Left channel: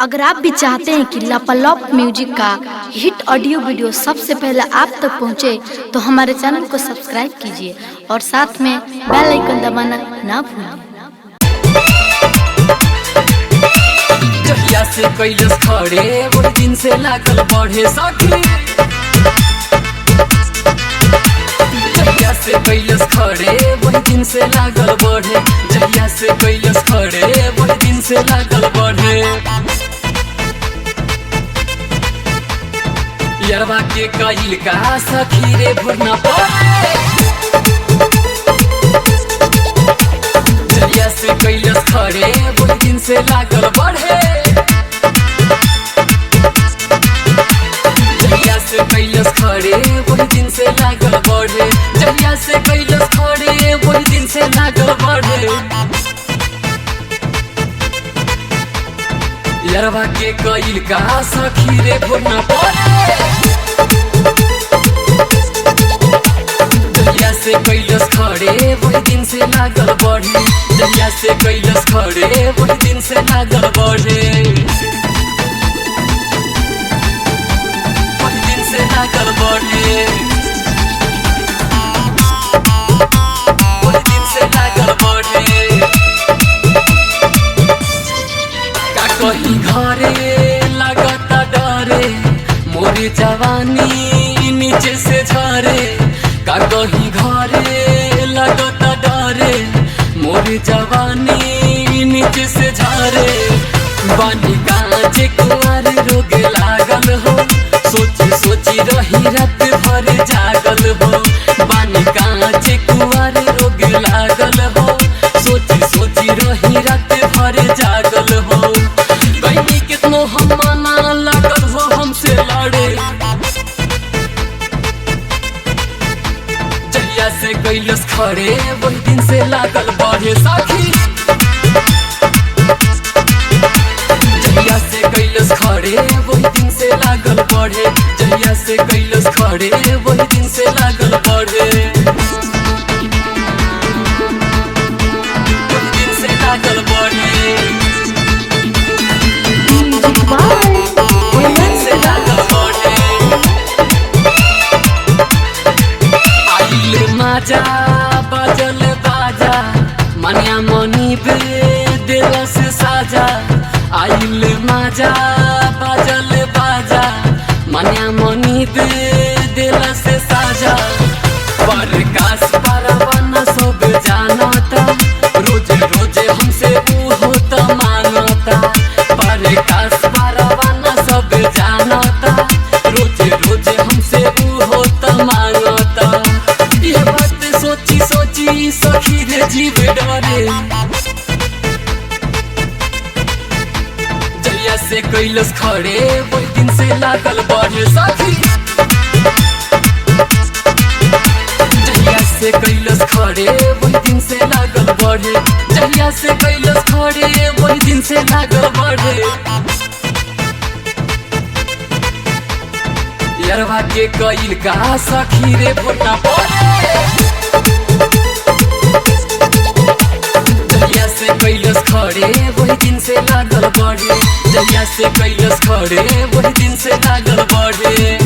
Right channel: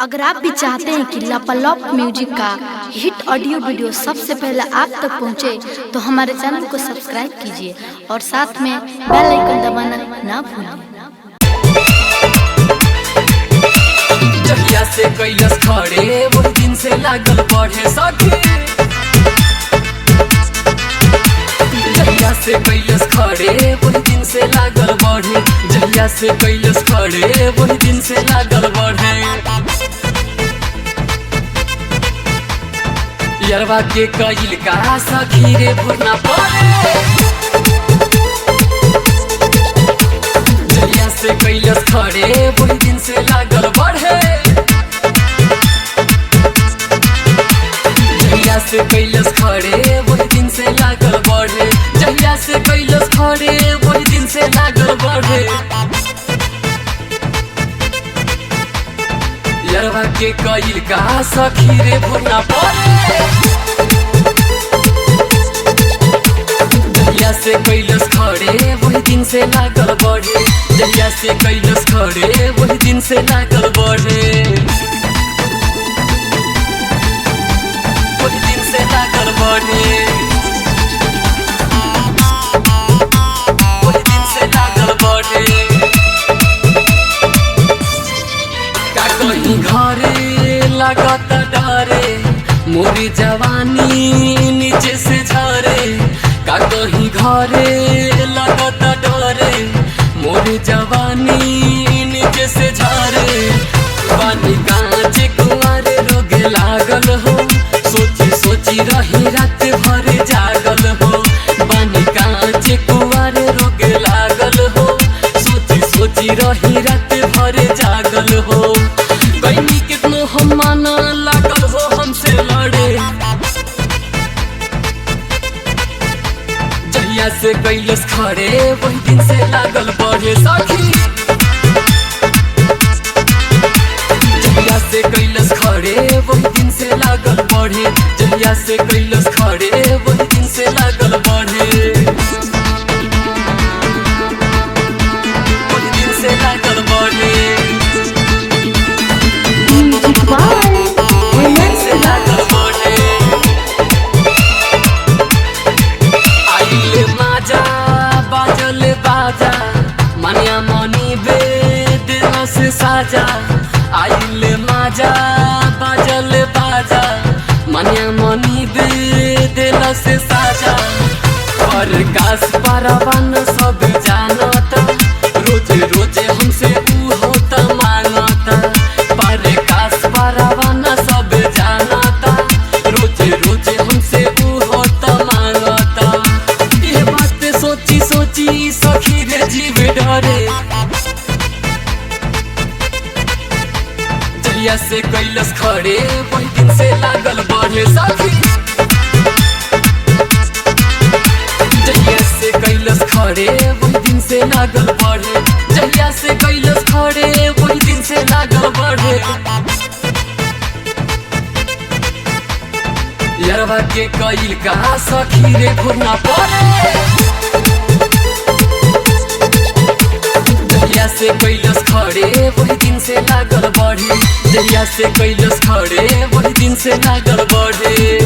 अगर आप भी चाहते हैं कि लापालॉप म्यूजिक का हिट ऑडियो वीडियो सबसे पहले आप तक पहुंचे, तो हमारे चैनल को सब्सक्राइब कीजिए और साथ में बेल आइकन दबाना ना भूलें। जहिया से कैलस खड़े वही दिन से लागल बढ़े सखी। जहिया से कैलस खड़े वही दिन से लागल बढ़े। जहिया से कैलस खड़े वही दिन से लागल बढ़े। यरवा के कैल का सखी रे भोरना पड़े। जहिया से कैलस खड़े वही दिन से लागल बढ़े। जहिया से कैलस खड़े वही दिन से लागल बढ़े। जहिया से कैलस खड़े वही दिन से लागल बढ़े। यरवा के कैल का सखी रे भोरना पड़े। जहिया से कैलस खड़े वही दिन से लागल बढ़े। जहिया से कैलस खड़े वही दिन से लागल बढ़े। वही दिन से लागल बढ़े। वही दिन से लागल बढ़े। का कहीं घरे लगता डरे मोरी जवानी नीचे से झरे। का कहीं घरे लगता डरे मोरी जवानी नीचे से झरे। बानी कांचे कुंवारे रोगे लागल हो। सोची सोची रही रात भर जागल हो। बानी कांचे कुंवारे रोगे लागल हो। सोची सोची रही रात भर जागल हो। कहीं कितनो हम माना लागल हो हमसे लड़े। जहिया से कैलस खड़े वही दिन से लागल बढ़े सखी। जहिया से कैलस खड़े वही दिन से लागल बढ़े। जहिया से कैलस खड़े वही दिन से लागल बढ़े। वही दिन से लागल बढ़े। वही दिन से लागल बढ़े। आइले माजा बाजल बाजा मनिया मनी बे दिला से साजा। आइले माजा बाजल बाजा मनिया मनी बे दिला से साजा। प्रकाश परवाना सब जानता रोज रोज हमसे ऊ होता मांगता। प्रकाश परवाना सब जानता रोज रोज हमसे ऊ होता मांगता। ये बात सोची सोची सखी रे जीव डरे। जहिया से कैलस खड़े वही दिन से लागल बढ़े सखी। जहिया से कैलस खड़े वही दिन से लागल बढ़े। जहिया से कैलस खड़े वही दिन से लागल बढ़े। यरवा के कैल का सखी रे भोरना पड़े। जहिया से कैलस खड़े वही दिन से लागल बढ़े। जहिया से कैलस खड़े वही दिन से लागल बढ़े।